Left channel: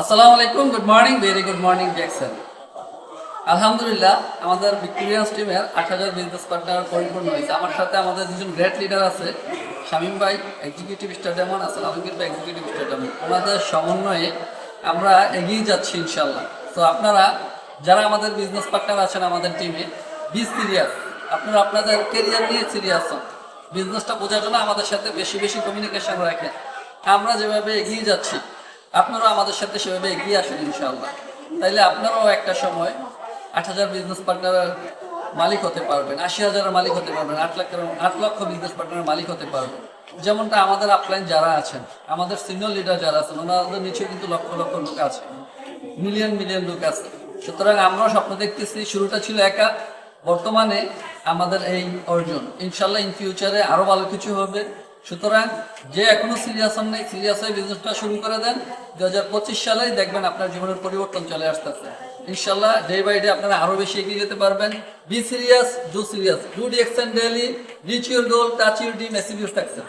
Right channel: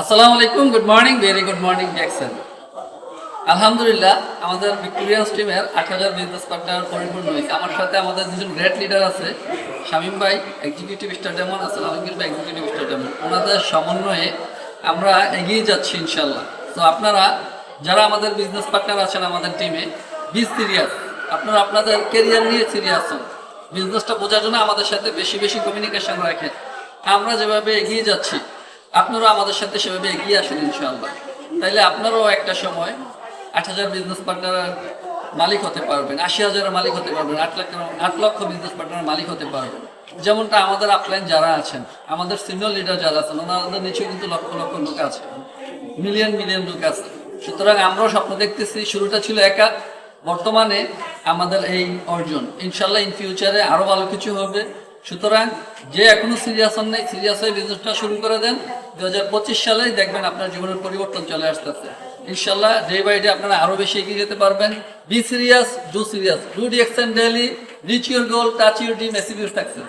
আসসালামু আলাইকুম, good morning, very good morning Jackson. আলহামদুলিল্লাহ, আমাদের ভিক্টোরিয়ান্স টিমের 8000 বিজনেস পার্টনার পরিপূর্ণ হয়েছে। আমার সাথে আমাদের দুজন গ্রেট লিডার আছে, শামীম ভাই এক্সিকিউটিভ স্টার ডেমন, আলামিন ভাই এক্সিকিউটিভ স্টার ডেমন। ওনাদের সমন্বয়ে আমরা এগিয়ে যাচ্ছি ইনশাল্লাহ। তো আপনারা যারা আমাদের বিজনেস পার্টনার আছেন আমাদের টিমে, বি সিরিয়াস। আপনারা আপনাদের কেরিয়ার নিয়ে সিরিয়াস হন। বিজনেসটা বোঝার জন্য আমাদের সাথে বেশি বেশি কমিউনিকেশন রাখেন। আমরা যেভাবে এগিয়ে যাচ্ছি আপনারাও আমাদের সাথে সেভাবে এগিয়ে আসেন ইনশাআল্লাহ। তাইলে আপনারাও একটা সময় 8000 বিজনেস পার্টনারের মালিক হতে পারবেন, 80,000-এর মালিক হতে পারবেন, 8 লক্ষ বিজনেস পার্টনারের মালিক হতে পারবেন। যেমনটা আমাদের আপলাইন যারা আছেন, আমাদের সিনিয়র লিডার যারা আছেন, ওনাদের নিচেও কিন্তু লক্ষ লক্ষ লোক আছে, মিলিয়ন মিলিয়ন লোক আছে। সুতরাং আমরাও স্বপ্ন দেখতেছি। শুরুটা ছিল একা, বর্তমানে আমাদের এই অর্জন। ইনশাল্লাহ ইন ফিউচারে আরো ভালো কিছু হবে। সুতরাং যে এখনো সিরিয়াস হন নাই, সিরিয়াস হয়ে বিজনেসটা শুরু করে দেন। 2025 সালেই দেখবেন আপনার জীবনের পরিবর্তন চলে আসতেছে ইনশাল্লাহ। ডে বাই ডে আপনারা আরো বেশি এগিয়ে যেতে পারবেন। Be serious, do serious, do reaction daily, rich your goal, touch your dream, achieve your success.